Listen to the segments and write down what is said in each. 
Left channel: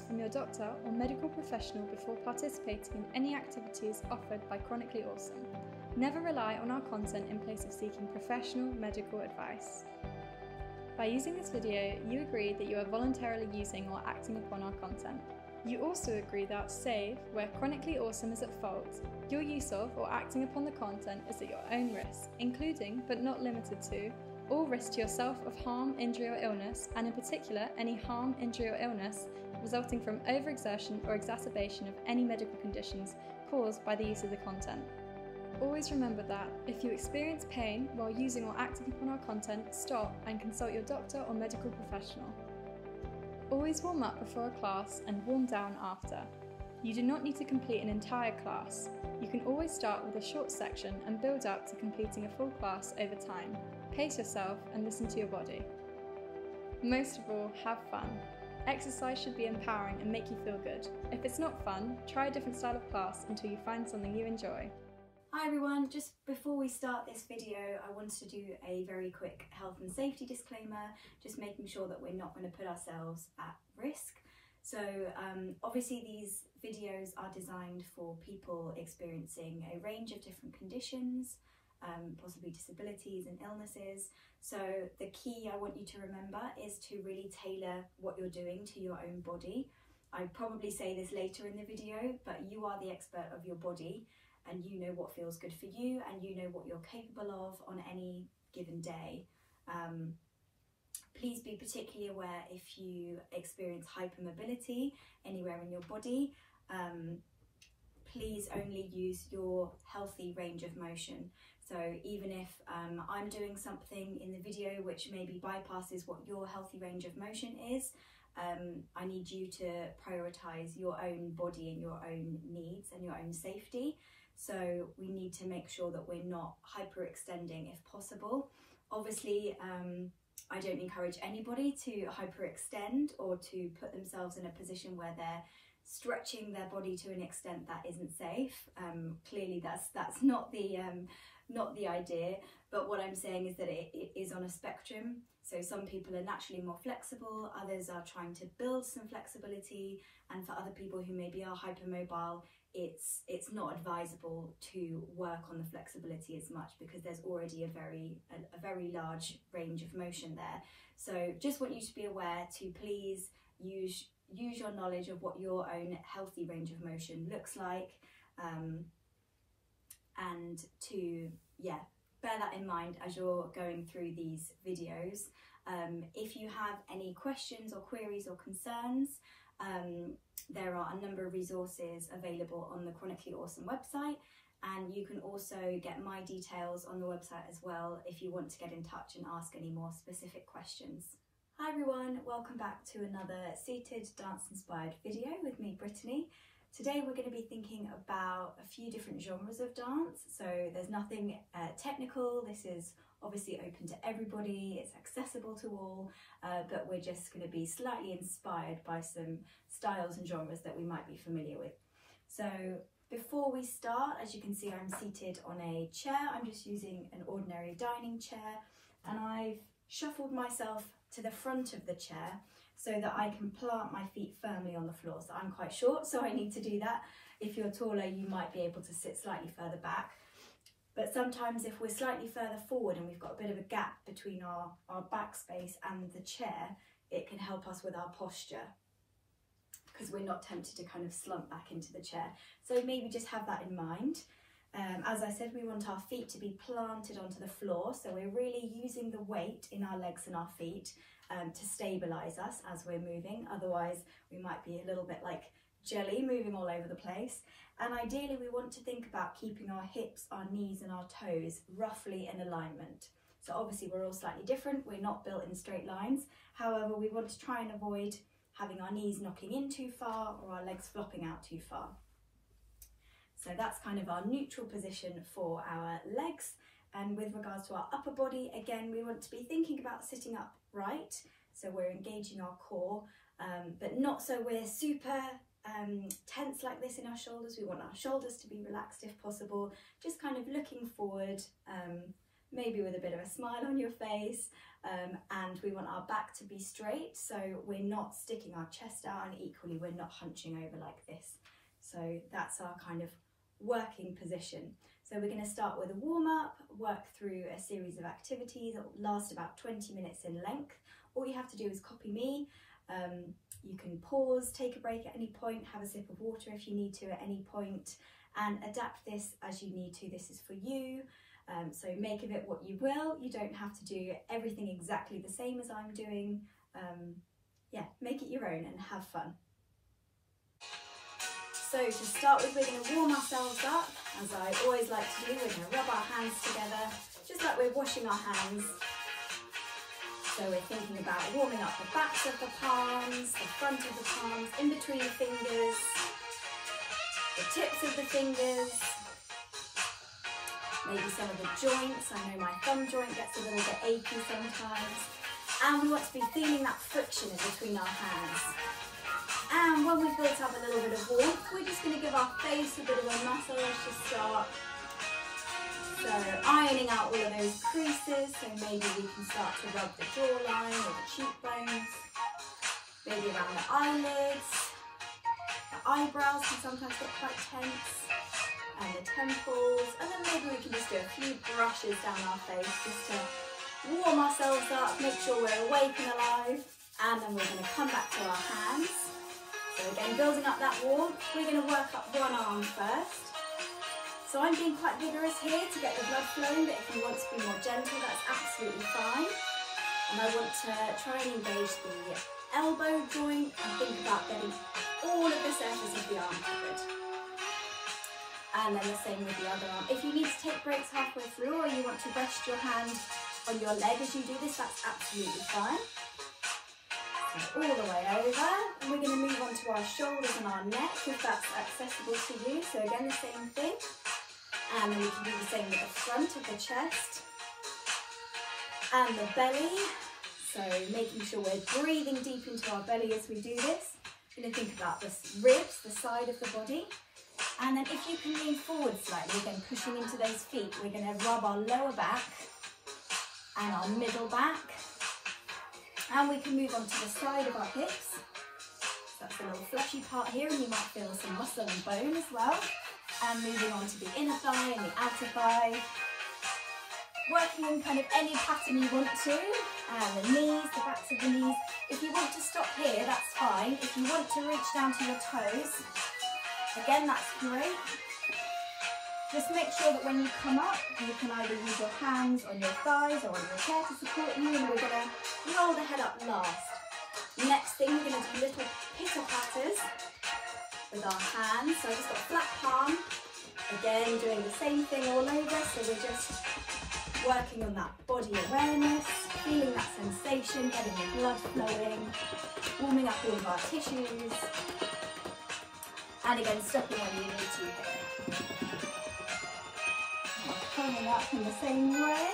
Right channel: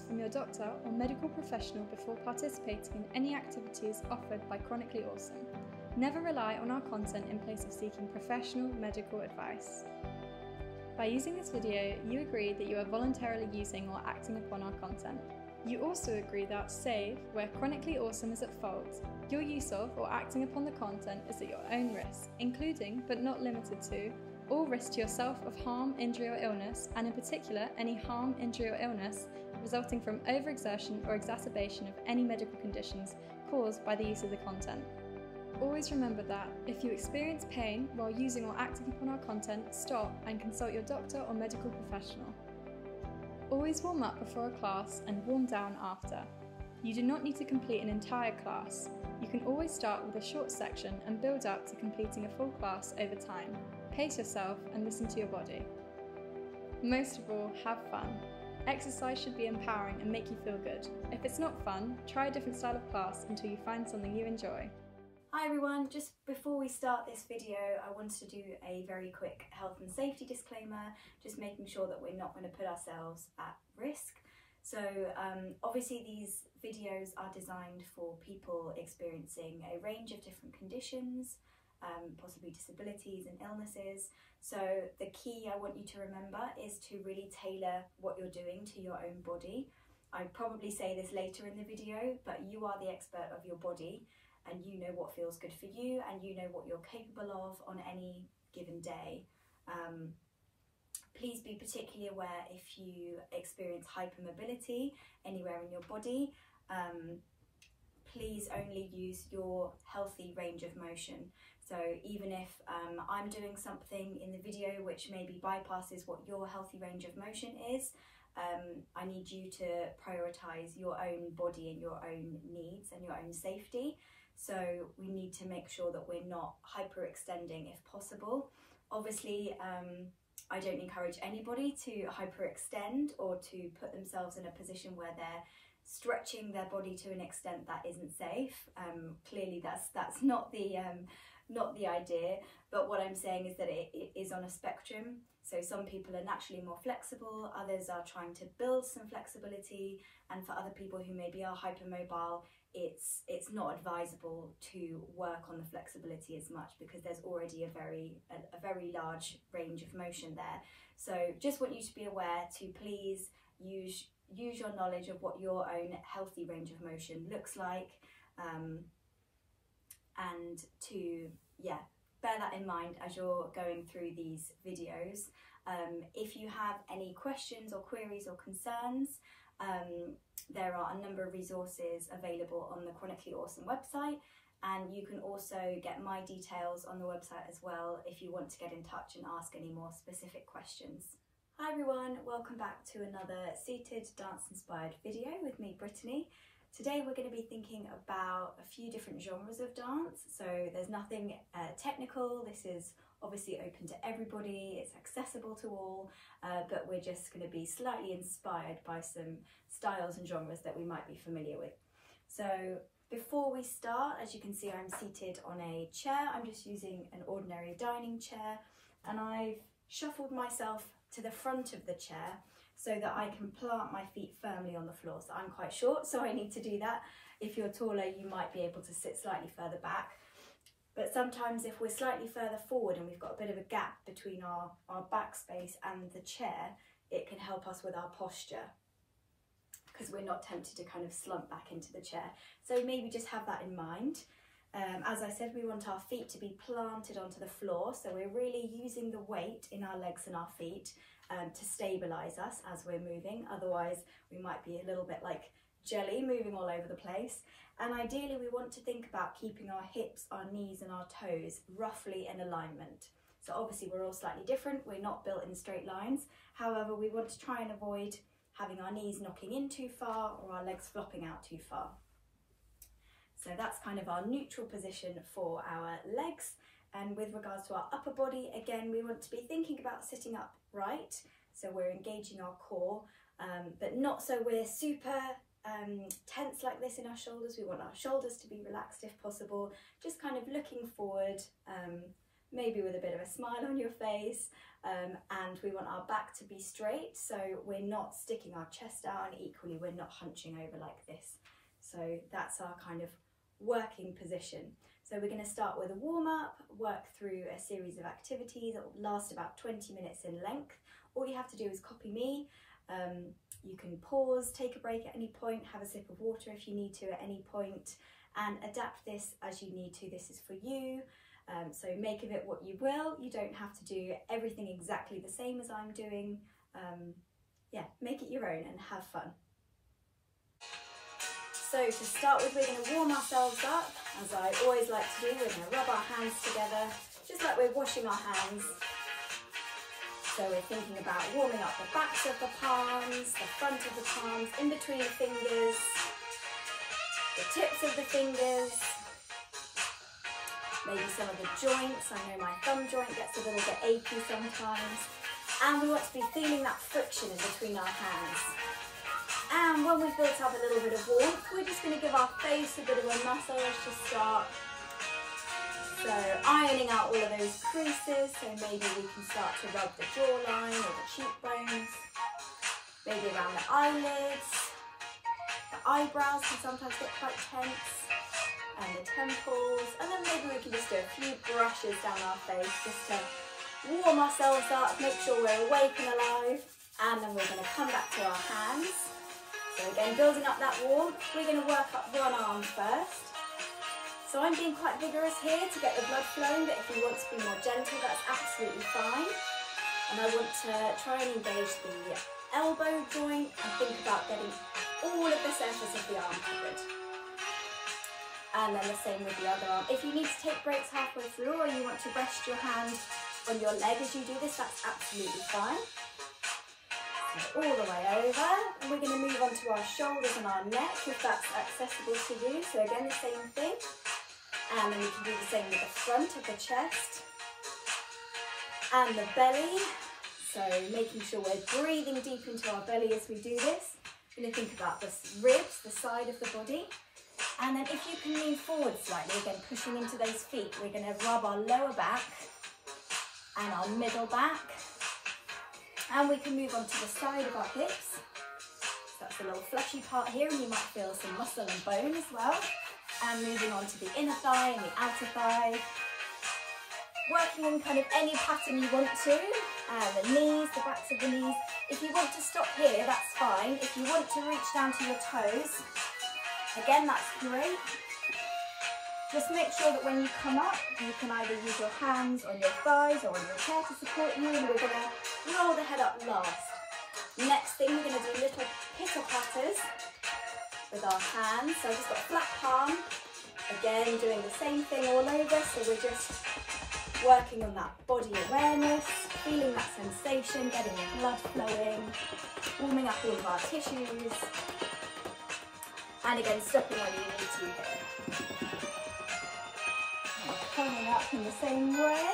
guidance from your doctor or medical professional before participating in any activities offered by Chronically Awesome. Never rely on our content in place of seeking professional medical advice. By using this video, you agree that you are voluntarily using or acting upon our content. You also agree that, save where Chronically Awesome is at fault, your use of or acting upon the content is at your own risk, including, but not limited to, all risk to yourself of harm, injury or illness, and in particular any harm, injury or illness resulting from overexertion or exacerbation of any medical conditions caused by the use of the content. Always remember that, if you experience pain while using or acting upon our content, stop and consult your doctor or medical professional. Always warm up before a class and warm down after. You do not need to complete an entire class. You can always start with a short section and build up to completing a full class over time. Pace yourself and listen to your body. Most of all, have fun. Exercise should be empowering and make you feel good. If it's not fun, try a different style of class until you find something you enjoy. Hi everyone, just before we start this video, I wanted to do a very quick health and safety disclaimer, just making sure that we're not going to put ourselves at risk. So obviously these videos are designed for people experiencing a range of different conditions, possibly disabilities and illnesses. So the key I want you to remember is to really tailor what you're doing to your own body. I'd probably say this later in the video, but you are the expert of your body and you know what feels good for you and you know what you're capable of on any given day. Please be particularly aware if you experience hypermobility anywhere in your body. Please only use your healthy range of motion. So even if I'm doing something in the video which maybe bypasses what your healthy range of motion is, I need you to prioritise your own body and your own needs and your own safety. So we need to make sure that we're not hyperextending if possible. Obviously, I don't encourage anybody to hyperextend or to put themselves in a position where they're stretching their body to an extent that isn't safe. Clearly that's not the idea, but what I'm saying is that it is on a spectrum. So some people are naturally more flexible, others are trying to build some flexibility, and for other people who maybe are hypermobile, it's not advisable to work on the flexibility as much because there's already a very large range of motion there. So just want you to be aware to please use your knowledge of what your own healthy range of motion looks like, and to bear that in mind as you're going through these videos. If you have any questions or queries or concerns, there are a number of resources available on the Chronically Awesome website, and you can also get my details on the website as well if you want to get in touch and ask any more specific questions. Hi everyone, welcome back to another seated dance inspired video with me, Brittany. Today we're going to be thinking about a few different genres of dance, so there's nothing technical. This is obviously open to everybody, it's accessible to all, but we're just going to be slightly inspired by some styles and genres that we might be familiar with. So before we start, as you can see, I'm seated on a chair. I'm just using an ordinary dining chair, and I've shuffled myself to the front of the chair so that I can plant my feet firmly on the floor. So I'm quite short, so I need to do that. If you're taller, you might be able to sit slightly further back. But sometimes if we're slightly further forward and we've got a bit of a gap between our back space and the chair, it can help us with our posture because we're not tempted to kind of slump back into the chair. So maybe just have that in mind. As I said, we want our feet to be planted onto the floor, so we're really using the weight in our legs and our feet to stabilise us as we're moving. Otherwise, we might be a little bit like jelly moving all over the place. And ideally, we want to think about keeping our hips, our knees and our toes roughly in alignment. So obviously, we're all slightly different. We're not built in straight lines. However, we want to try and avoid having our knees knocking in too far or our legs flopping out too far. So that's kind of our neutral position for our legs. And with regards to our upper body, again, we want to be thinking about sitting upright. So we're engaging our core, but not so we're super tense like this in our shoulders. We want our shoulders to be relaxed if possible, just kind of looking forward, maybe with a bit of a smile on your face, and we want our back to be straight, so we're not sticking our chest out, and equally we're not hunching over like this. So that's our kind of working position. So we're going to start with a warm-up, work through a series of activities that will last about 20 minutes in length. All you have to do is copy me. You can pause, take a break at any point, have a sip of water if you need to at any point, and adapt this as you need to. This is for you. So make of it what you will. You don't have to do everything exactly the same as I'm doing. Yeah, make it your own and have fun. So to start with, we're going to warm ourselves up, as I always like to do. We're going to rub our hands together, just like we're washing our hands. So we're thinking about warming up the backs of the palms, the front of the palms, in between the fingers, the tips of the fingers, maybe some of the joints. I know my thumb joint gets a little bit achy sometimes. And we want to be feeling that friction in between our hands. And when we've built up a little bit of warmth, we're just going to give our face a bit of a massage to start. So ironing out all of those creases, so maybe we can start to rub the jawline or the cheekbones, maybe around the eyelids. The eyebrows can sometimes get quite tense, and the temples, and then maybe we can just do a few brushes down our face just to warm ourselves up, make sure we're awake and alive. And then we're going to come back to our hands. So again, building up that warmth, we're going to work up one arm first. So I'm being quite vigorous here to get the blood flowing, but if you want to be more gentle, that's absolutely fine. And I want to try and engage the elbow joint and think about getting all of the surface of the arm covered. And then the same with the other arm. If you need to take breaks halfway through, or you want to rest your hand on your leg as you do this, that's absolutely fine. All the way over, and we're going to move on to our shoulders and our neck if that's accessible to you. So again, the same thing, and then we can do the same with the front of the chest and the belly. So making sure we're breathing deep into our belly as we do this. We're going to think about the ribs, the side of the body, and then if you can lean forward slightly, again pushing into those feet, we're going to rub our lower back and our middle back. And we can move on to the side of our hips. So that's the little fleshy part here, and you might feel some muscle and bone as well. And moving on to the inner thigh and the outer thigh. Working in kind of any pattern you want to. And the knees, the backs of the knees. If you want to stop here, that's fine. If you want to reach down to your toes, again, that's great. Just make sure that when you come up, you can either use your hands on your thighs or on your chair to support you, and we're going to roll the head up last. Next thing, we're going to do little pitter patters with our hands. So I've just got a flat palm, again doing the same thing all over, so we're just working on that body awareness, feeling that sensation, getting the blood flowing, warming up all of our tissues, and again stopping when you need to here. Coming up in the same way.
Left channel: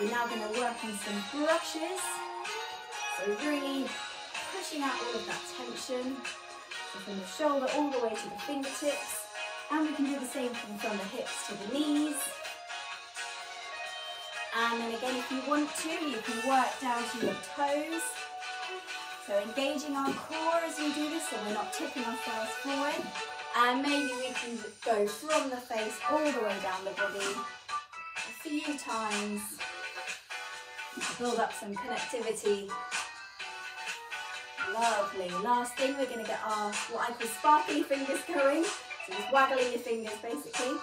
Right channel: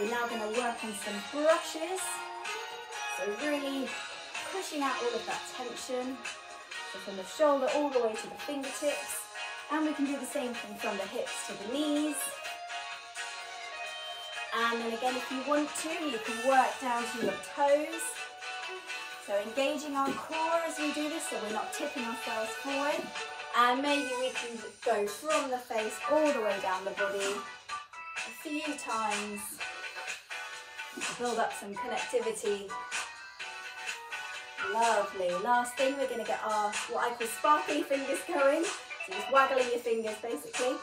We're now going to work on some brushes. So really pushing out all of that tension. So from the shoulder all the way to the fingertips. And we can do the same thing from the hips to the knees. And then again, if you want to, you can work down to your toes. So engaging our core as we do this, so we're not tipping ourselves forward. And maybe we can go from the face all the way down the body a few times to build up some connectivity. Lovely. Last thing, we're going to get our, what I call sparkly fingers going. So just waggling your fingers basically.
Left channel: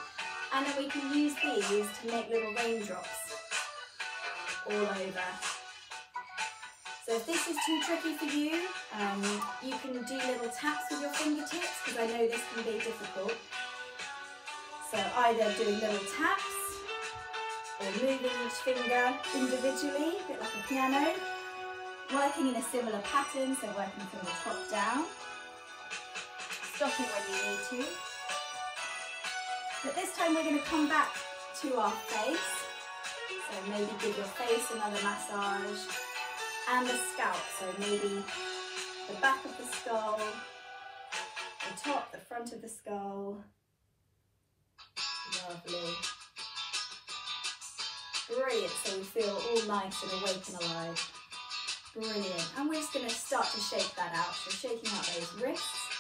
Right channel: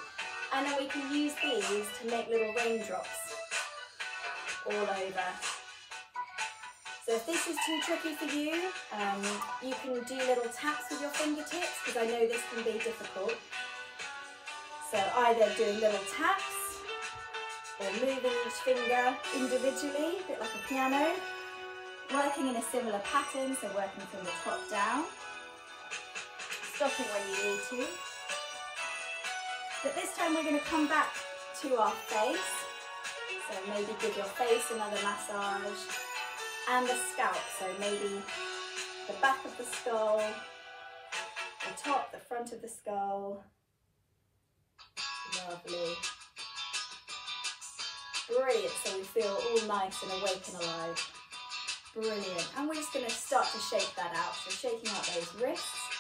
And then we can use these to make little raindrops all over. So if this is too tricky for you, you can do little taps with your fingertips, because I know this can be difficult. So either doing little taps or moving each finger individually, a bit like a piano. Working in a similar pattern, so working from the top down. Stopping when you need to. But this time we're going to come back to our face. So maybe give your face another massage. And the scalp, so maybe the back of the skull, the top, the front of the skull. Lovely. Brilliant, so we feel all nice and awake and alive. Brilliant, and we're just going to start to shake that out, so shaking out those wrists.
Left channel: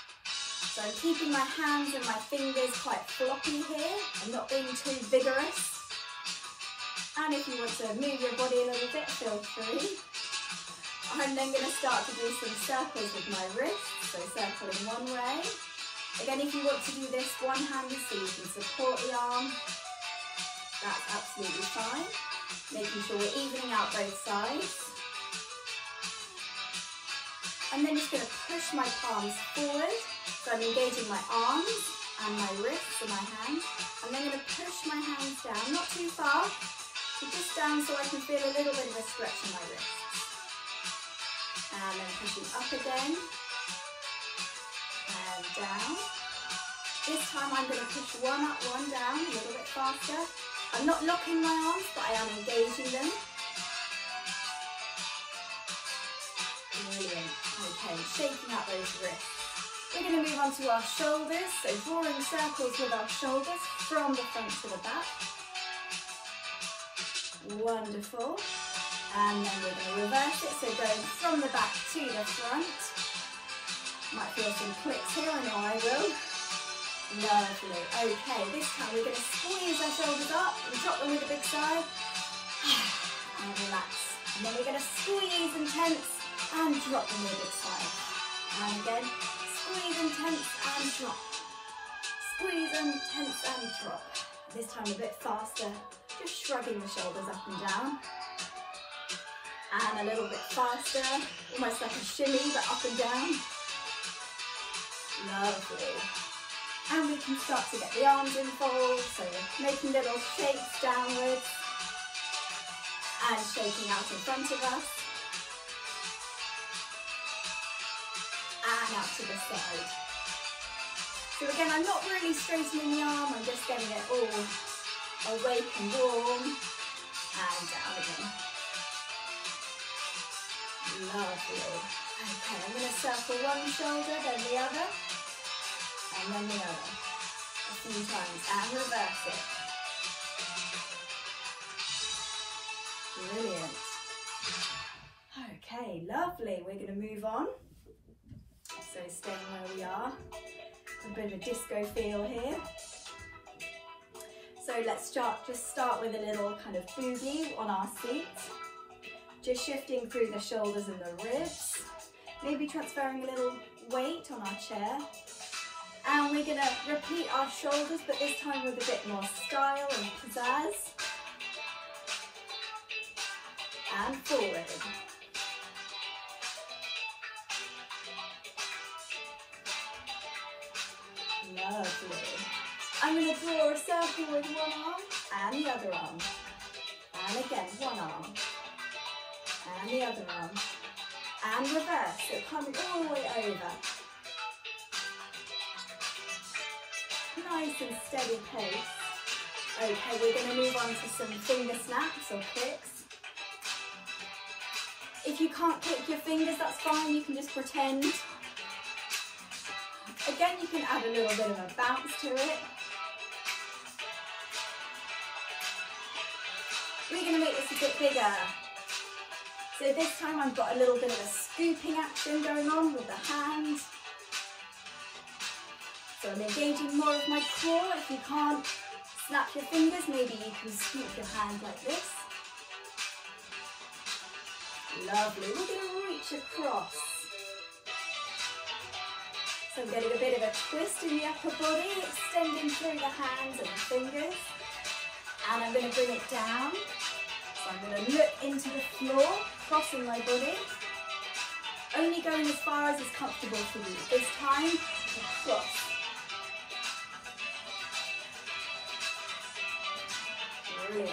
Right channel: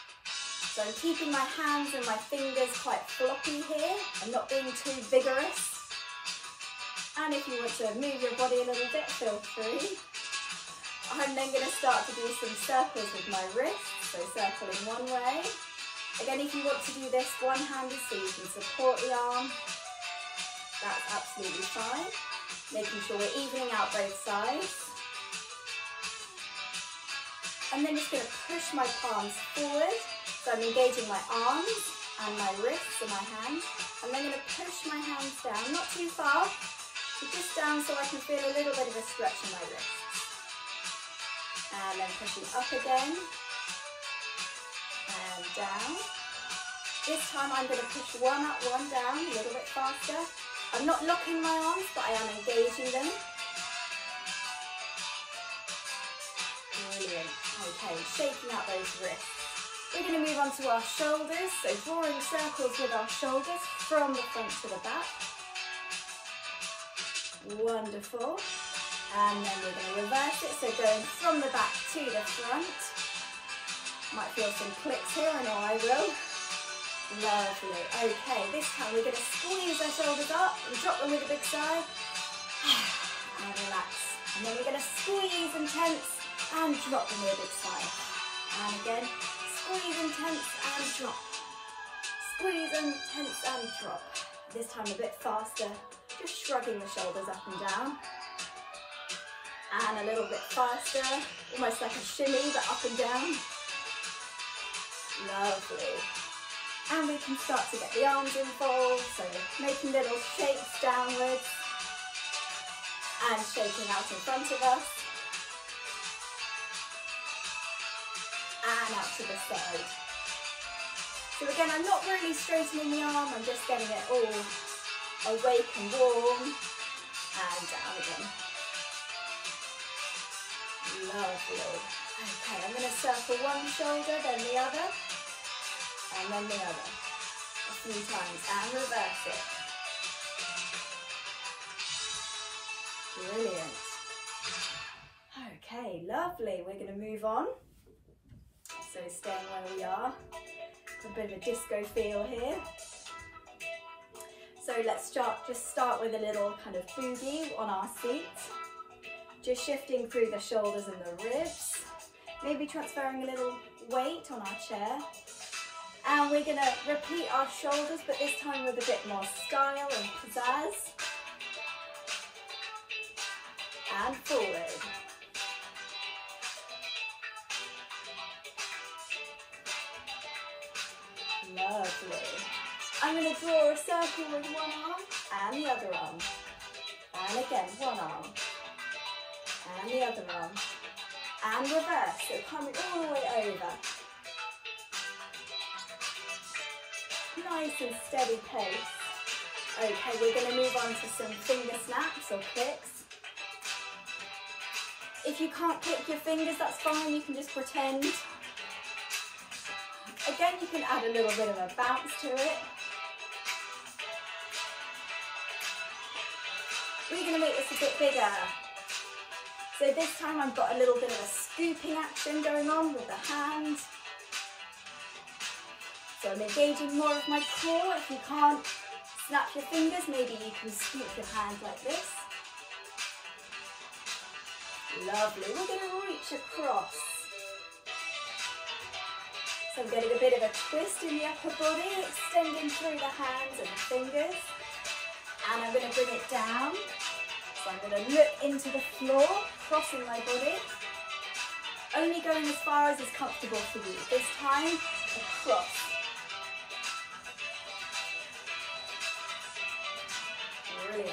So I'm keeping my hands and my fingers quite floppy here. I'm not being too vigorous. And if you want to move your body a little bit, feel free. I'm then going to start to do some circles with my wrists. So circling one way. Again, if you want to do this one-handed so you can support the arm, that's absolutely fine. Making sure we're evening out both sides. I'm then just going to push my palms forward. So I'm engaging my arms and my wrists and my hands. I'm then going to push my hands down, not too far, but just down so I can feel a little bit of a stretch in my wrists. And then pushing up again. And down. This time I'm going to push one up, one down, a little bit faster. I'm not locking my arms, but I am engaging them. Brilliant. Okay, shaking out those wrists. We're going to move on to our shoulders, so drawing circles with our shoulders from the front to the back. Wonderful. And then we're going to reverse it, so going from the back to the front. Might feel some clicks here, I know I will. Lovely. Okay, this time we're going to squeeze our shoulders up and drop them with a big sigh. And relax. And then we're going to squeeze and tense and drop them with a big sigh. And again. Squeeze and tense and drop. Squeeze and tense and drop. This time a bit faster, just shrugging the shoulders up and down. And a little bit faster, almost like a shimmy but up and down. Lovely. And we can start to get the arms involved, so we're making little shakes downwards and shaking out in front of us. And out to the side. So again, I'm not really straightening the arm, I'm just getting it all awake and warm. And down again. Lovely. Okay, I'm going to circle one shoulder, then the other, and then the other. A few times, and reverse it. Brilliant. Okay, lovely. We're going to move on. So staying where we are, a bit of a disco feel here. So let's just start with a little kind of boogie on our seat. Just shifting through the shoulders and the ribs. Maybe transferring a little weight on our chair. And we're going to repeat our shoulders, but this time with a bit more style and pizzazz. And forward. Lovely. I'm going to draw a circle with one arm and the other arm. And again, one arm. And the other arm. And reverse, so coming all the way over. Nice and steady pace. Okay, we're going to move on to some finger snaps or clicks. If you can't click your fingers, that's fine, you can just pretend. Again, you can add a little bit of a bounce to it. We're going to make this a bit bigger. So this time I've got a little bit of a scooping action going on with the hands. So I'm engaging more of my core. If you can't snap your fingers, maybe you can scoop your hand like this. Lovely. We're going to reach across. So I'm getting a bit of a twist in the upper body, extending through the hands and the fingers. And I'm going to bring it down. So I'm going to look into the floor, crossing my body. Only going as far as is comfortable for you. This time, across. Brilliant.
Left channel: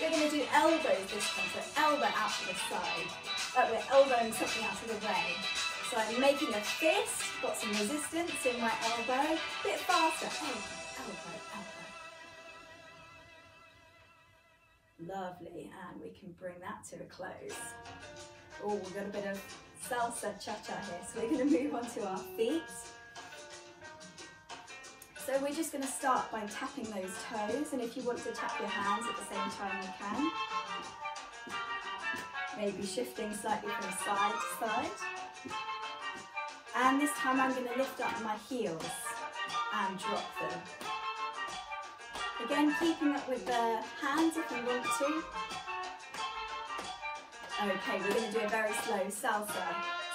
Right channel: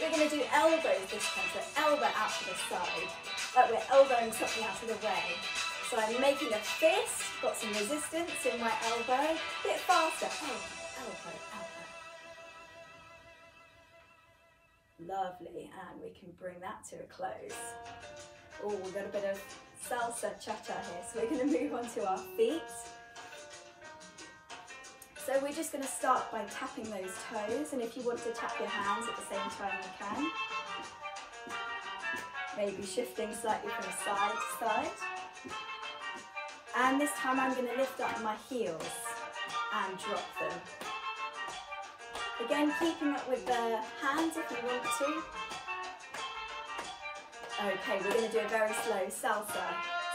We're going to do elbows this time, so elbow out to the side. Like we're elbowing something out of the way. So I'm making a fist, got some resistance in my elbow. A bit faster. Elbow, elbow, elbow. Lovely, and we can bring that to a close. Oh, we've got a bit of salsa cha-cha here, so we're going to move on to our feet. So So we're just going to start by tapping those toes, and if you want to tap your hands at the same time, you can. Maybe shifting slightly from side to side. And this time I'm going to lift up my heels and drop them. Again, keeping up with the hands if you want to. Okay, we're going to do a very slow salsa.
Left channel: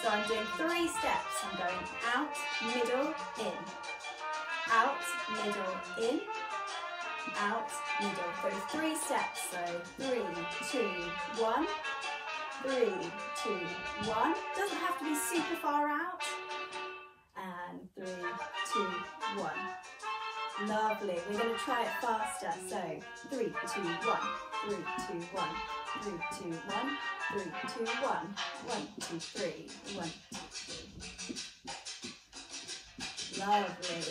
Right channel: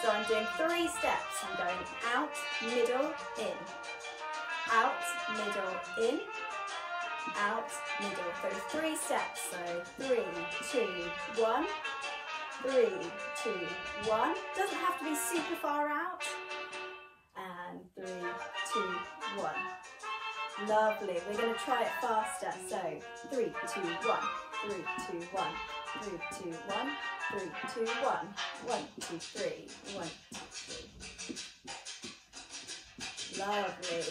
So I'm doing 3 steps. I'm going out, middle, in. Out, middle, in. Out, middle. So 3 steps. So 3, 2, 1. 3, 2, 1. Doesn't have to be super far out. And 3, 2, 1. Lovely. We're going to try it faster. So 3, 2, 1. 3, 2, 1. 3, 2, 1. 3, 2, 1. 1, 2, 3. 1, 2, 3. Lovely.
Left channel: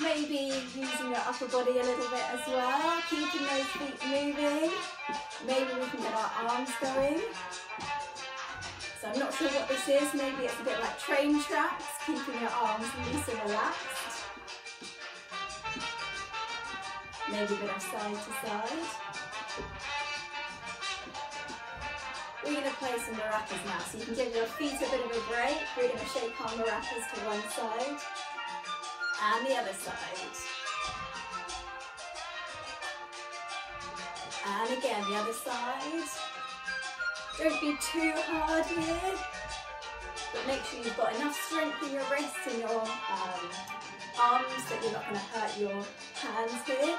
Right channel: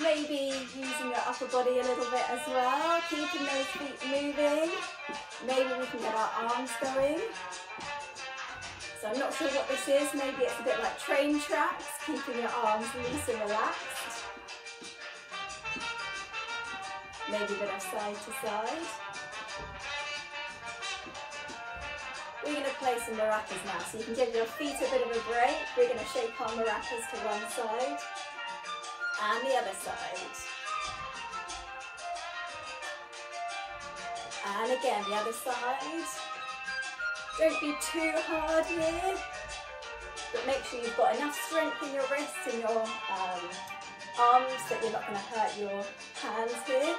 Maybe using your upper body a little bit as well, keeping those feet moving. Maybe we can get our arms going. So I'm not sure what this is. Maybe it's a bit like train tracks, keeping your arms loose and relaxed. Maybe a bit of side to side. We're going to play some maracas now, so you can give your feet a bit of a break. We're going to shake our maracas to one side and the other side. And again, the other side. Don't be too hard here, but make sure you've got enough strength in your wrists and your arms that you're not going to hurt your hands here.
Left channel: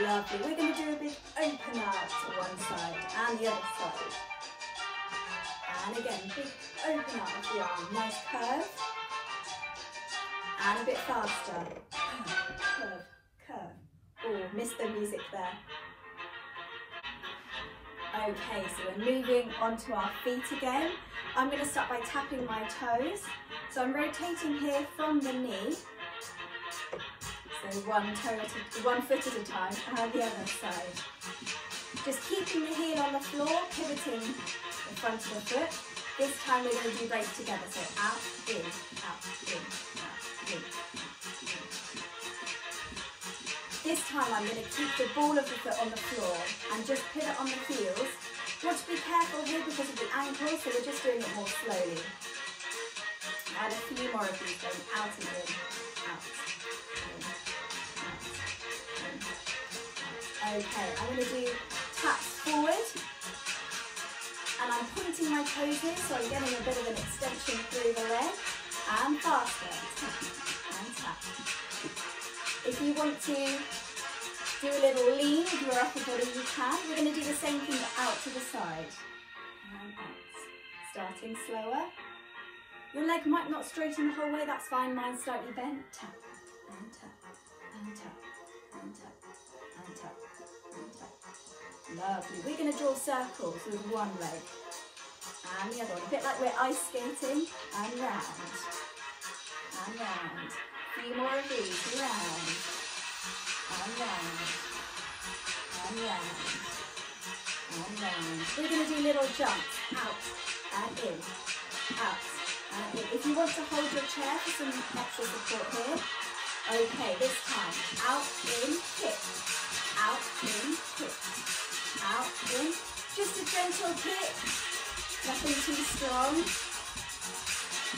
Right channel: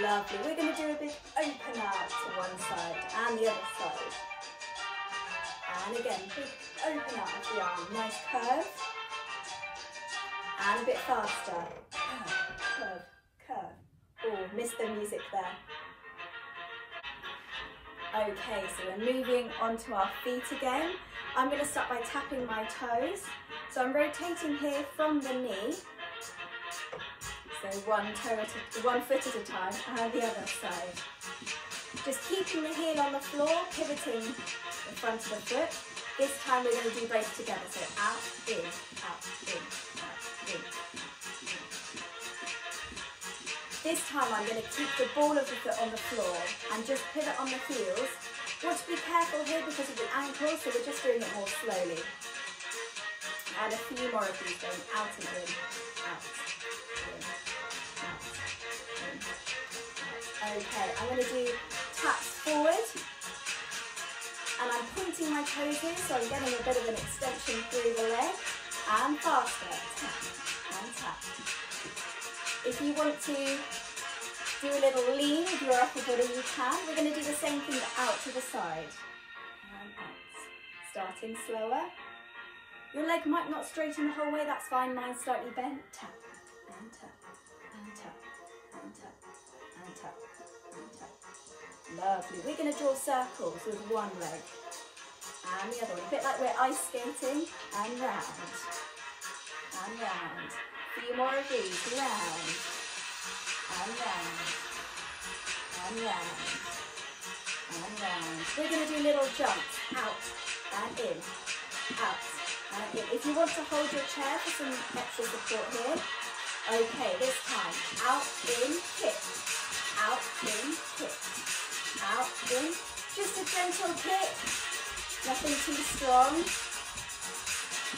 Lovely. We're going to do a big open out to one side and the other side. And again, big open out of the arm. Nice curve. And a bit faster. Curve, curve, curve. Oh, missed the music there. Okay, so we're moving onto our feet again. I'm going to start by tapping my toes. So I'm rotating here from the knee. So one foot at a time, and the other side. Just keeping the heel on the floor, pivoting the front of the foot. This time we're going to do both together. So out, in, out, in, out, in. This time I'm going to keep the ball of the foot on the floor and just pivot on the heels. You want to be careful here because of the ankles, so we're just doing it more slowly. And a few more of these going out and in, out, in. Okay, I'm going to do taps forward, and I'm pointing my toes in, so I'm getting a bit of an extension through the leg, and faster, tap and tap. If you want to do a little lean with your upper body, you can. We're going to do the same thing but out to the side, and out. Starting slower. Your leg might not straighten the whole way, that's fine, mine's slightly bent. Tap and tap and tap and tap and tap. Lovely. We're going to draw circles with one leg and the other one, a bit like we're ice skating, and round and round. A few more of these, round and round and round and round. We're going to do little jumps, out and in, out and in. If you want to hold your chair for some extra support here, okay, this time, out, in, kick, out, in, kick. Out, in, just a gentle kick, nothing too strong.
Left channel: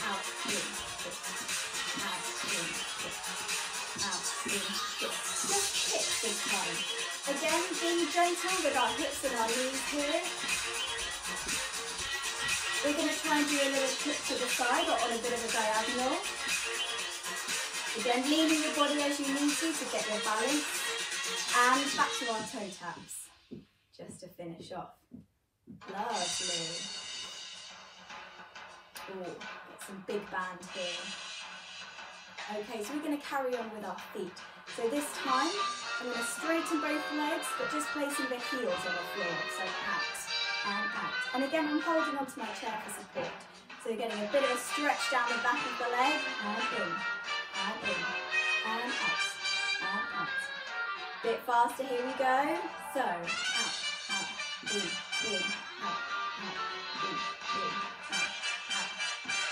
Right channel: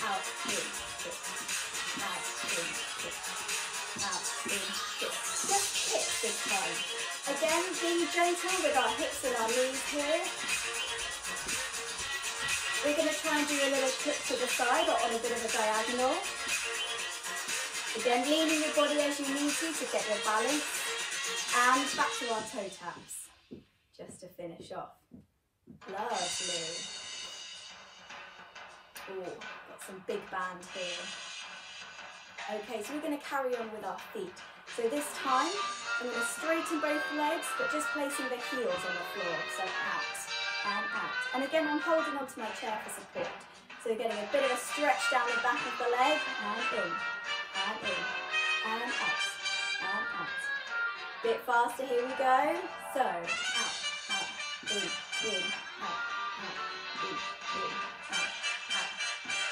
Out, in, kick, out, in, kick, out, in, kick. Just kick this time. Again, being gentle with our hips and our knees here. We're going to try and do a little kick to the side or on a bit of a diagonal. Again, leaning your body as you need to get your balance. And back to our toe taps. Just to finish off. Lovely. Oh, got some big band here. Okay, so we're going to carry on with our feet. So this time, I'm going to straighten both legs, but just placing the heels on the floor. So out and out. And again, I'm holding onto my chair for support. So getting a bit of a stretch down the back of the leg, and in, and in, and out, and out. Bit faster, here we go. So, out. In, out, in, out, out.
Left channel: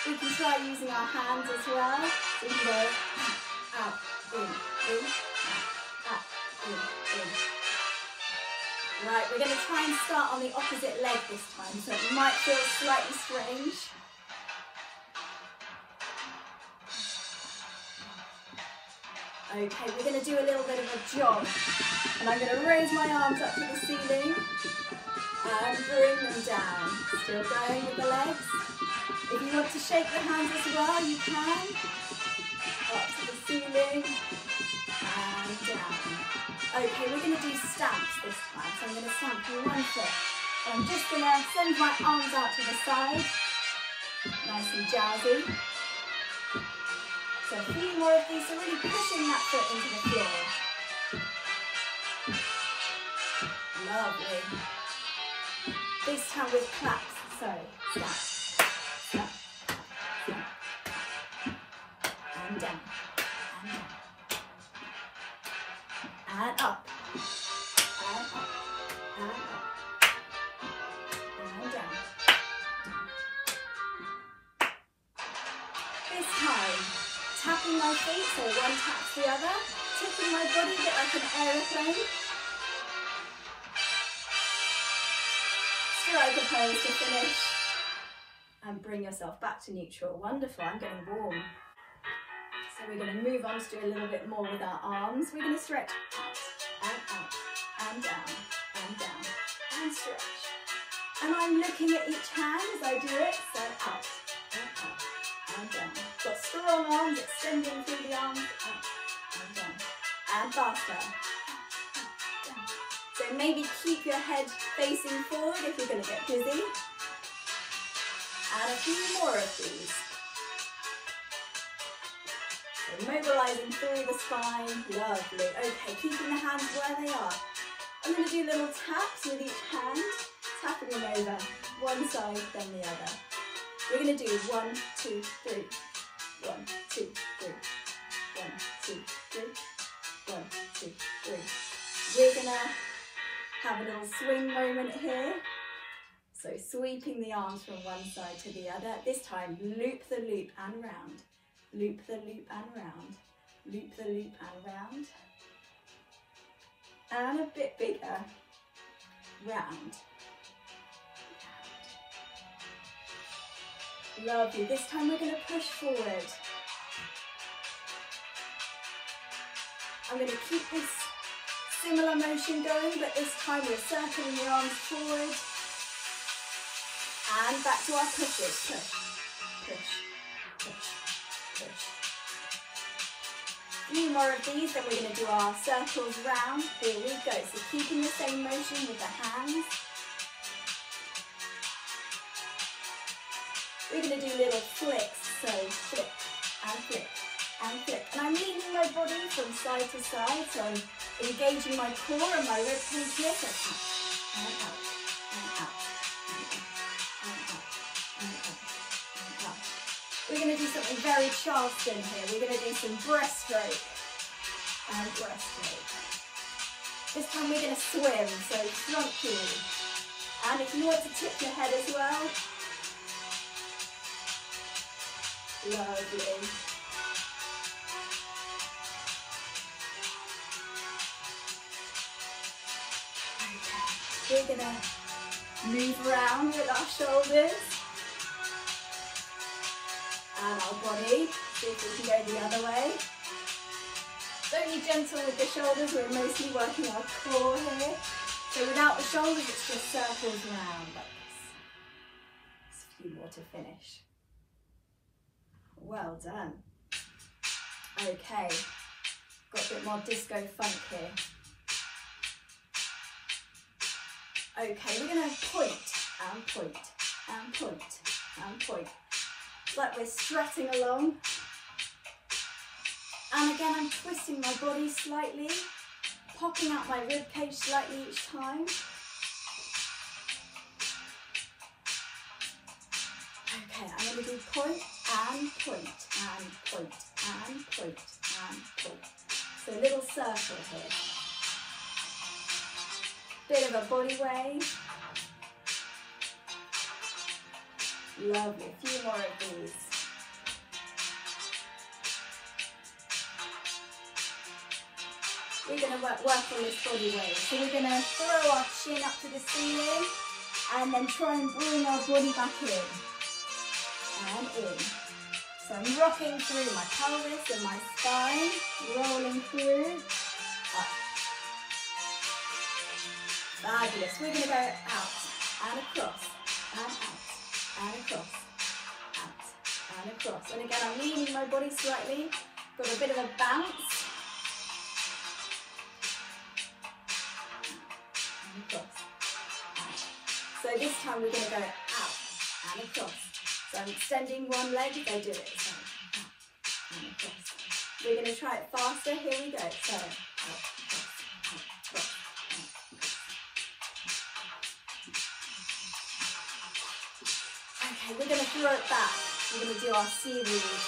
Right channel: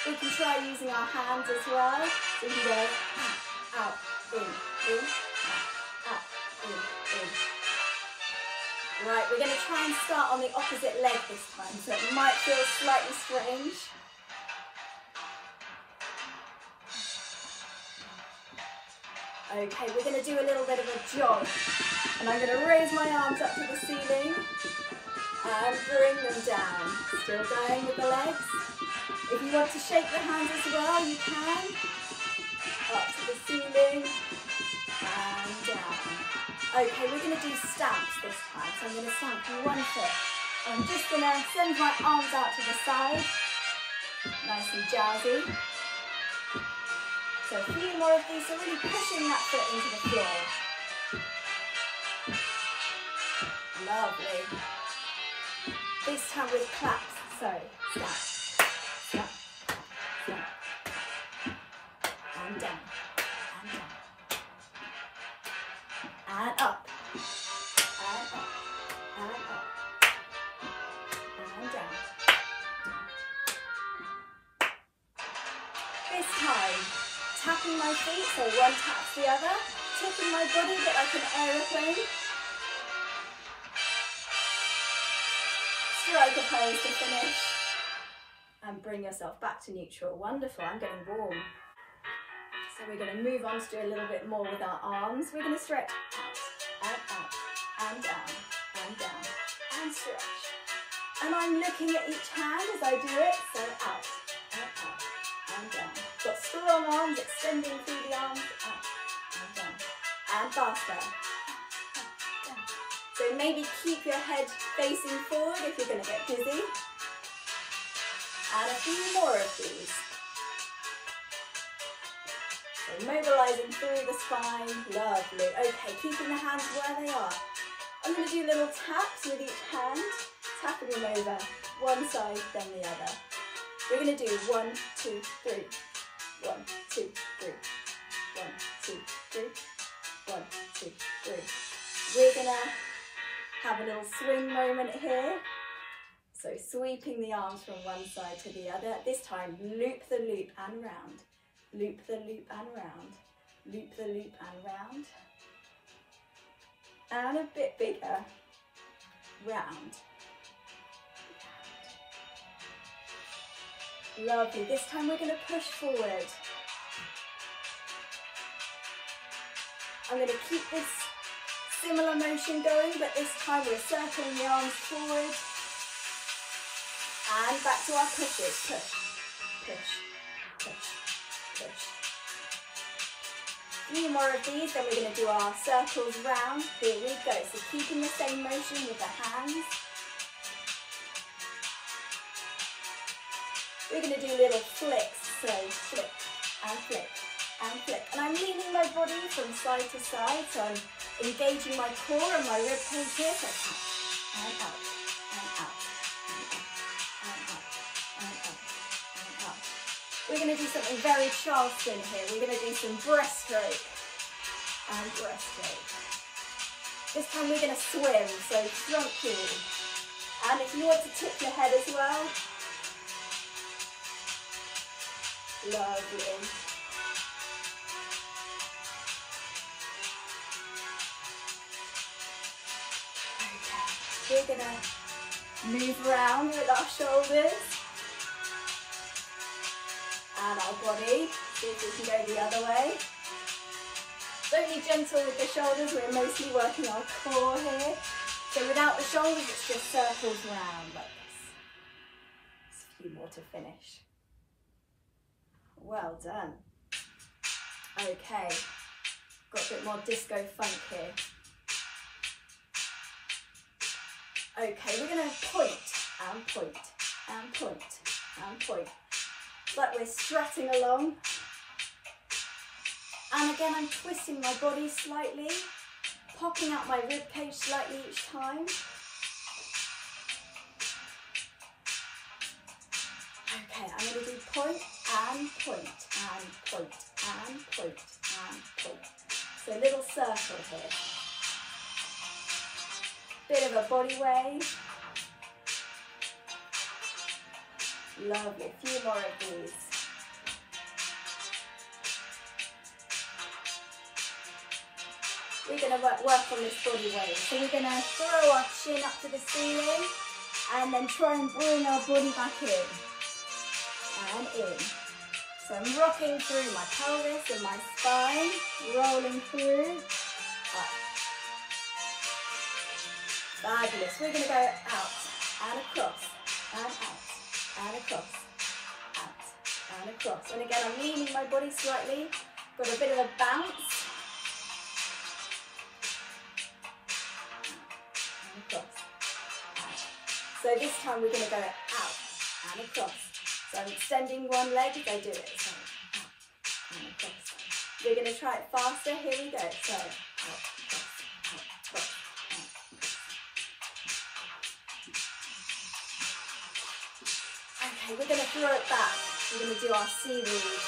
We can try using our hands as well. So we can go out, in, out, in. Right, we're going to try and start on the opposite leg this time, so it might feel slightly strange. Okay, we're going to do a little bit of a jog, and I'm going to raise my arms up to the ceiling and bring them down. Still going with the legs. If you want to shake your hands as well, you can. Up to the ceiling and down. Okay, we're going to do stamps this time. So I'm going to stamp with one foot. I'm just going to send my arms out to the side. Nice and jazzy. So a few more of these, so really pushing that foot into the floor. Lovely. This time with claps. So stamp, stamp, stamp. And down, and down. And up, and up, and up, and down. This time, tapping my feet, so one taps the other, tipping my body a bit like an aeroplane. Strike a pose to finish. And bring yourself back to neutral. Wonderful, I'm getting warm. So we're going to move on to do a little bit more with our arms. We're going to stretch out, and down, and down, and stretch. And I'm looking at each hand as I do it, so out, and down. Got strong arms, extending through the arms, out, and down, and faster. Down. So maybe keep your head facing forward if you're going to get dizzy. And a few more of these. So mobilising through the spine, lovely. Okay, keeping the hands where they are. I'm going to do little taps with each hand, tapping them over, one side, then the other. We're going to do 1, 2, 3, 1, 2, 3, 1, 2, 3, 1, 2, 3. We're going to have a little swing moment here. So sweeping the arms from one side to the other. This time, loop the loop and round. Loop the loop and round. Loop the loop and round. And a bit bigger. Round. Lovely. This time we're going to push forward. I'm going to keep this similar motion going, but this time we're circling the arms forward. And back to our pushes. Push, push, push, push. A few more of these, then we're going to do our circles round. Here we go. So keeping the same motion with the hands. We're going to do little flicks. So flick and flick and flick. And I'm leaning my body from side to side. So I'm engaging my core and my rib cage here. So out and out and out. We're going to do something very Charleston here. We're going to do some breaststroke and breaststroke. This time we're going to swim, so front heel. And if you want to tip your head as well, lovely. Okay, we're going to move around with our shoulders. And our body, see if we can go the other way. Don't be gentle with the shoulders, we're mostly working our core here. So without the shoulders, it's just circles round like this. Just a few more to finish. Well done. Okay, got a bit more disco funk here. Okay, we're going to point and point and point and point. Like we're strutting along. And again, I'm twisting my body slightly, popping out my rib cage slightly each time. Okay, I'm going to do point and point and point and point and point. So a little circle here. Bit of a body wave. Lovely, a few more of these. we're going to work on this body weight. So we're going to throw our chin up to the ceiling and then try and bring our body back in and in. So I'm rocking through my pelvis and my spine, rolling through, up. Fabulous. We're going to go out and across, and out, and across, out, and across. And again, I'm leaning my body slightly, got a bit of a bounce. And across, out. So this time we're going to go out and across. So I'm extending one leg as I do it. So out and across. We're going to try it faster. Here we go. So out, across, out, across. Okay, we're going to throw it back. We're going to do our seaweed.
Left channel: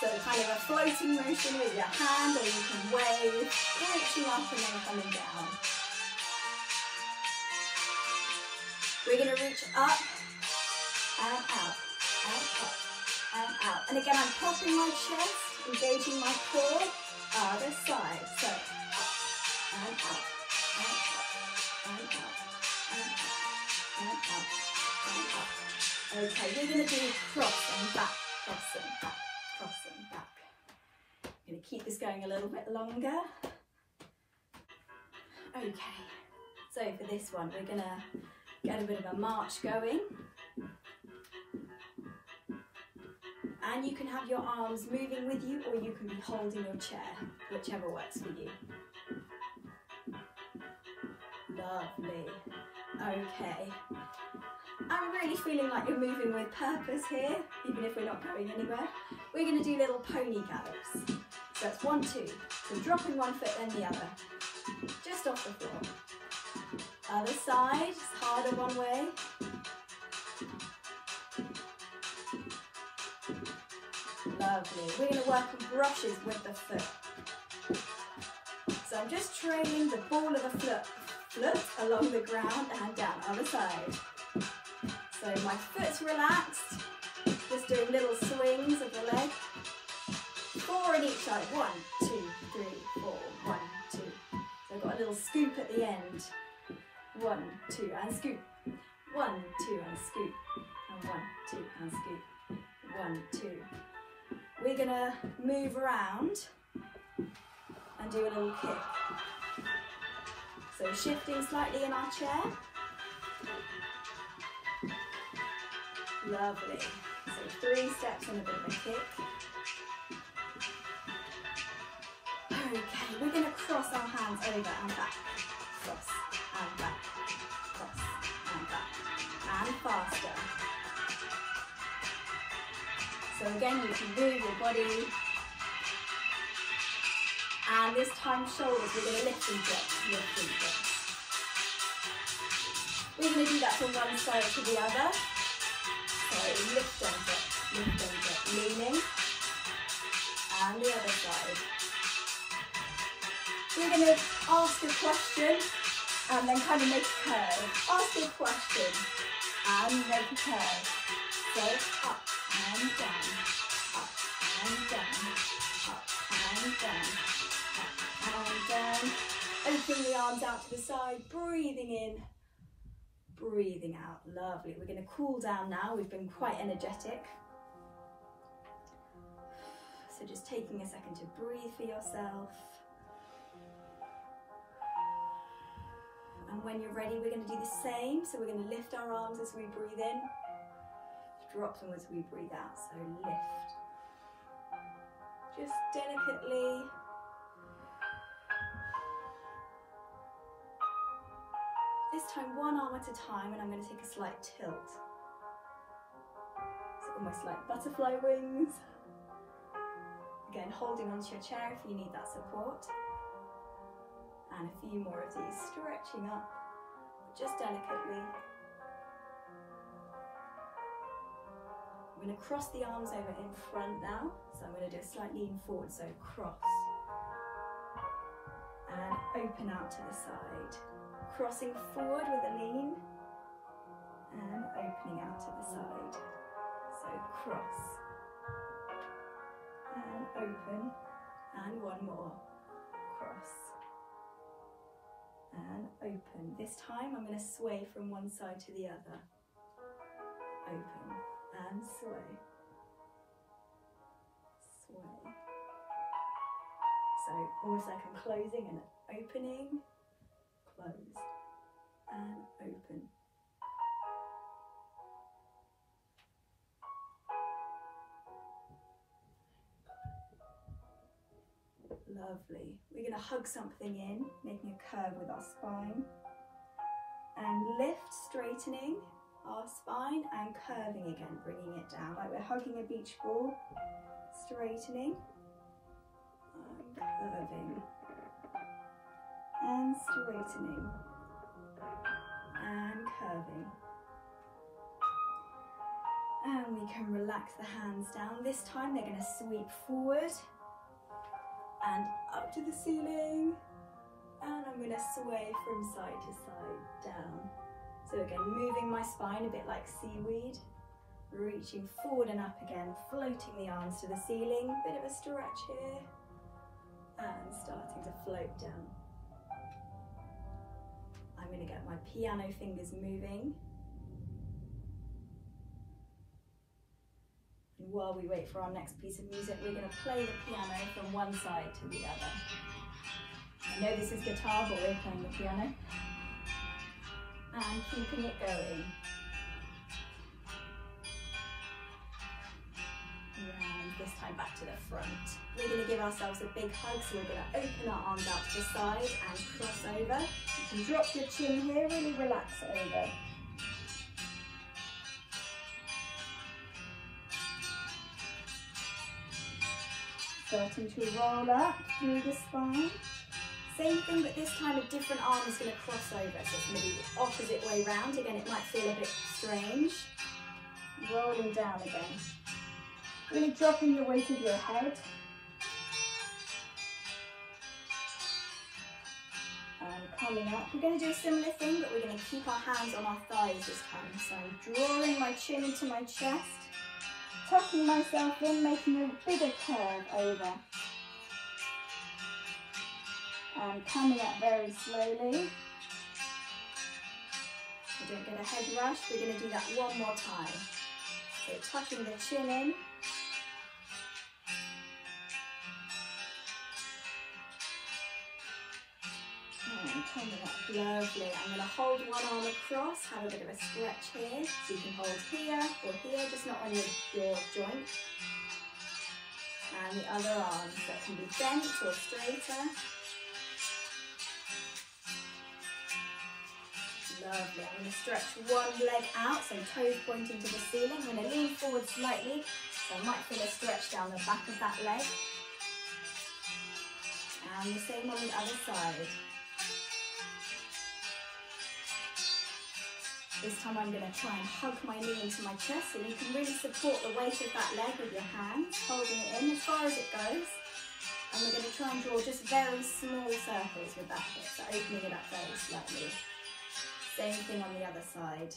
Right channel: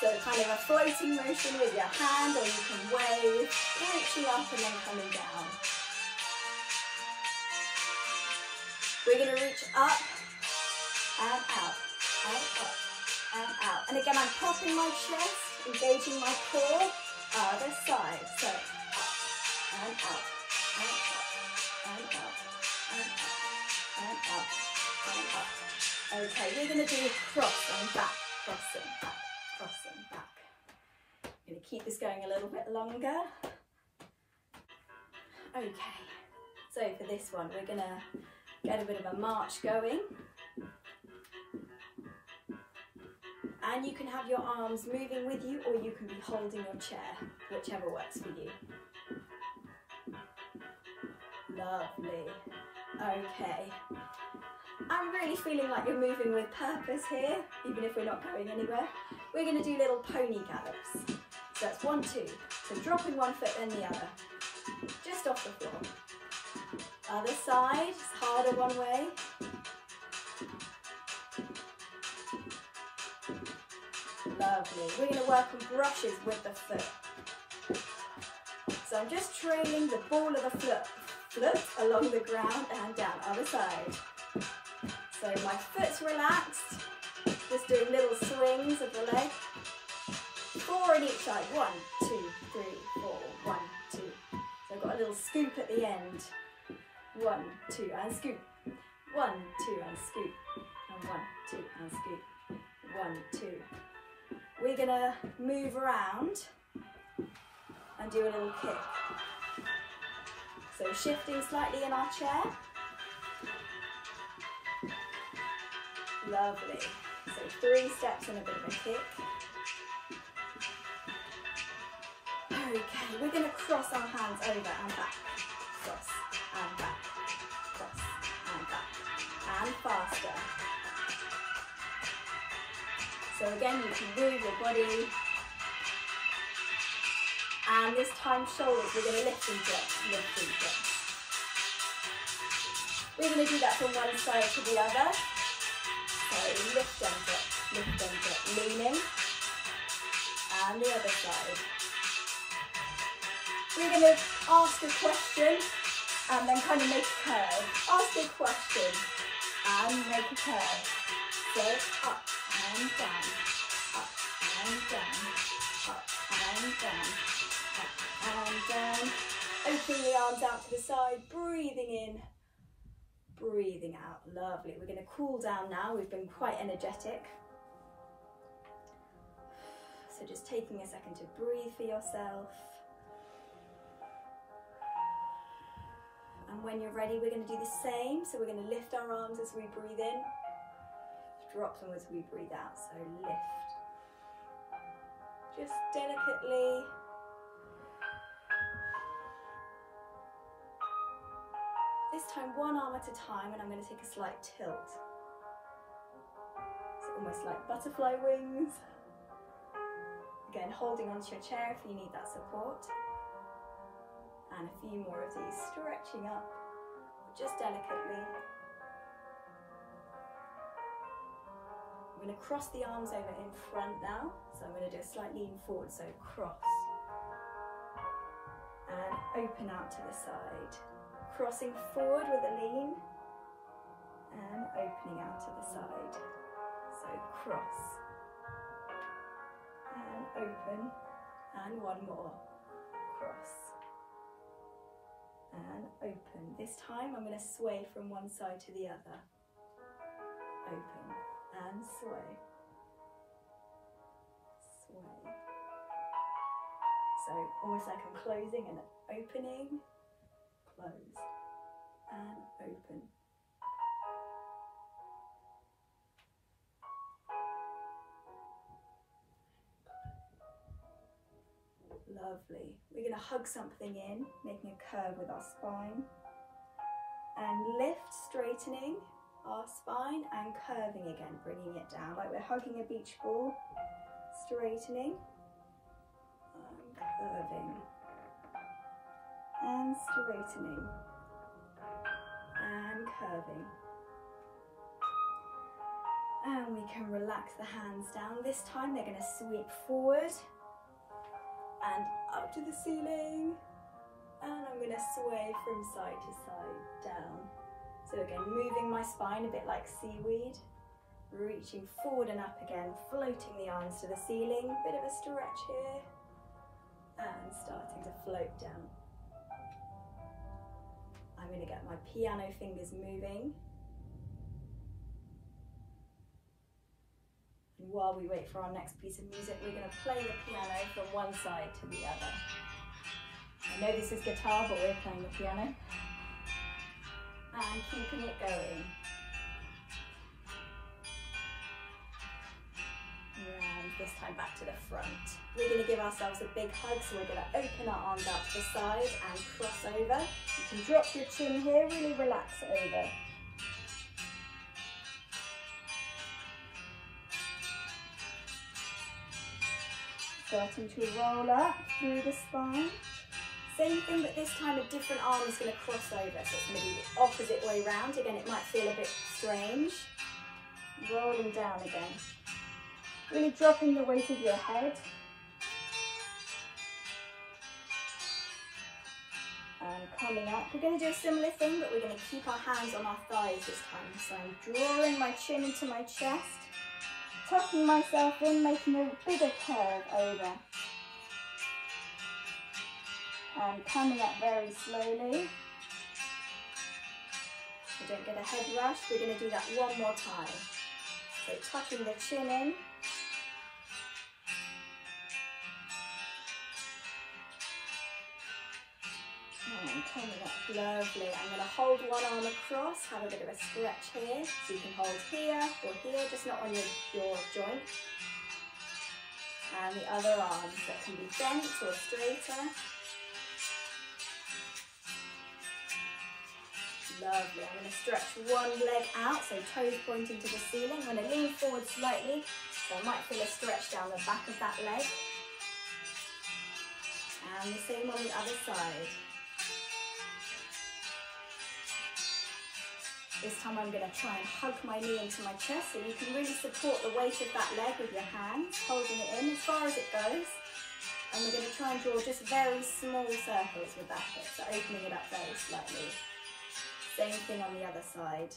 So kind of a floating motion with your hand, or you can wave, reaching up and then coming down. We're going to reach up and out, and up, and out. And again, I'm popping my chest, engaging my core, other side. So up, and out, and up, and out, and up, and up, and up. Okay, we're going to do cross and back, cross and back, cross and back. I'm going to keep this going a little bit longer. Okay, so for this one, we're going to get a bit of a march going. And you can have your arms moving with you, or you can be holding your chair, whichever works for you. Lovely. Okay. I'm really feeling like you're moving with purpose here, even if we're not going anywhere. We're going to do little pony gallops. So that's 1, 2. So dropping one foot then the other. Just off the floor. Other side, it's harder one way. Lovely. We're going to work on brushes with the foot. So I'm just trailing the ball of the foot along the ground and down. Other side. So my foot's relaxed. Just doing little swings of the leg. 4 on each side. 1, 2, 3, 4. 1, 2. So I've got a little scoop at the end. 1, 2, and scoop. 1, 2, and scoop. And 1, 2, and scoop. 1, 2. We're going to move around and do a little kick. So shifting slightly in our chair. Lovely. So 3 steps and a bit of a kick. Okay, we're going to cross our hands over and back. Cross and back. Cross and back. And faster. So again, you can move your body. And this time shoulders, we're going to lift and drop, lift and drop. We're going to do that from one side to the other. So lift and drop, leaning. And the other side. We're going to ask a question and then kind of make a curve. Ask a question and make a curve. So up and down, up and down, up and down, up and down. Opening the arms out to the side, breathing in, breathing out. Lovely. We're going to cool down now. We've been quite energetic. So just taking a second to breathe for yourself. And when you're ready, we're going to do the same. So we're going to lift our arms as we breathe in. Drop them as we breathe out, so lift. Just delicately. This time one arm at a time, and I'm going to take a slight tilt. So almost like butterfly wings. Again, holding onto your chair if you need that support. And a few more of these, stretching up, just delicately. I'm going to cross the arms over in front now, so I'm going to do a slight lean forward, so cross and open out to the side, crossing forward with a lean and opening out to the side, so cross and open, and one more, cross, and open. This time I'm going to sway from one side to the other. Open and sway, sway. So almost like I'm closing and opening, close and open. Lovely. We're going to hug something in, making a curve with our spine. And lift, straightening our spine and curving again, bringing it down. Like we're hugging a beach ball, straightening and curving and straightening and curving. And we can relax the hands down. This time they're going to sweep forward and up to the ceiling, and I'm going to sway from side to side down. So again, moving my spine a bit like seaweed, reaching forward and up again, floating the arms to the ceiling, bit of a stretch here, and starting to float down. I'm going to get my piano fingers moving. And while we wait for our next piece of music, we're going to play the piano from one side to the other. I know this is guitar, but we're playing the piano. And keeping it going. And this time back to the front. We're going to give ourselves a big hug, so we're going to open our arms out to the side and cross over. You can drop your chin here, really relax over. Starting to roll up through the spine. Same thing, but this time a different arm is going to cross over. So it's going to be the opposite way round. Again, it might feel a bit strange. Rolling down again. Really dropping the weight of your head. And coming up. We're going to do a similar thing, but we're going to keep our hands on our thighs this time. So I'm drawing my chin into my chest. Tucking myself in, making a bigger curve over. And coming up very slowly. So don't get a head rush, we're going to do that one more time. So tucking the chin in. And coming up, lovely. I'm going to hold one arm across, have a bit of a stretch here. So you can hold here or here, just not on your joint. And the other arm that can be bent or straighter. Lovely. I'm going to stretch one leg out, so toes pointing to the ceiling. I'm going to lean forward slightly, so I might feel a stretch down the back of that leg. And the same on the other side. This time I'm going to try and hug my knee into my chest, so you can really support the weight of that leg with your hands, holding it in as far as it goes. And we're going to try and draw just very small circles with that hip, so opening it up very slightly. Same thing on the other side,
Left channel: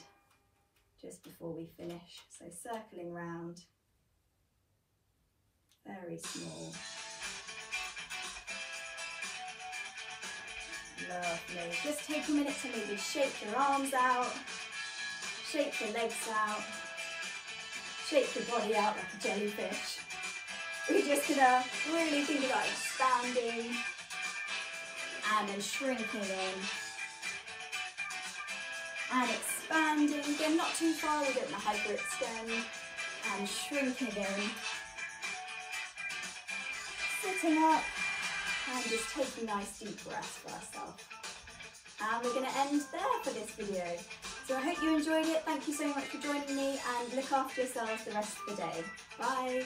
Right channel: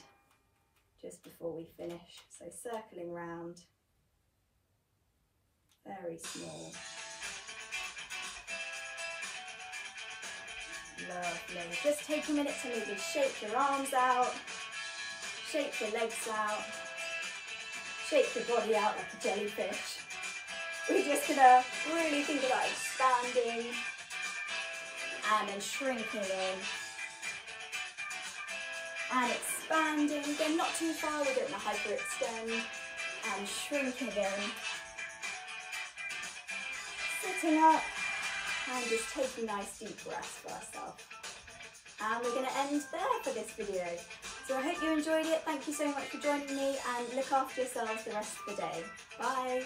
just before we finish. So circling round, very small. Lovely. Just take a minute to maybe shake your arms out, shake your legs out, shake your body out like a jellyfish. We're just gonna really think about expanding and then shrinking in. And expanding, again not too far, we're going to hyperextend and shrinking in. Sitting up and just taking nice deep breaths for ourselves. And we're going to end there for this video. So I hope you enjoyed it. Thank you so much for joining me, and look after yourselves the rest of the day. Bye.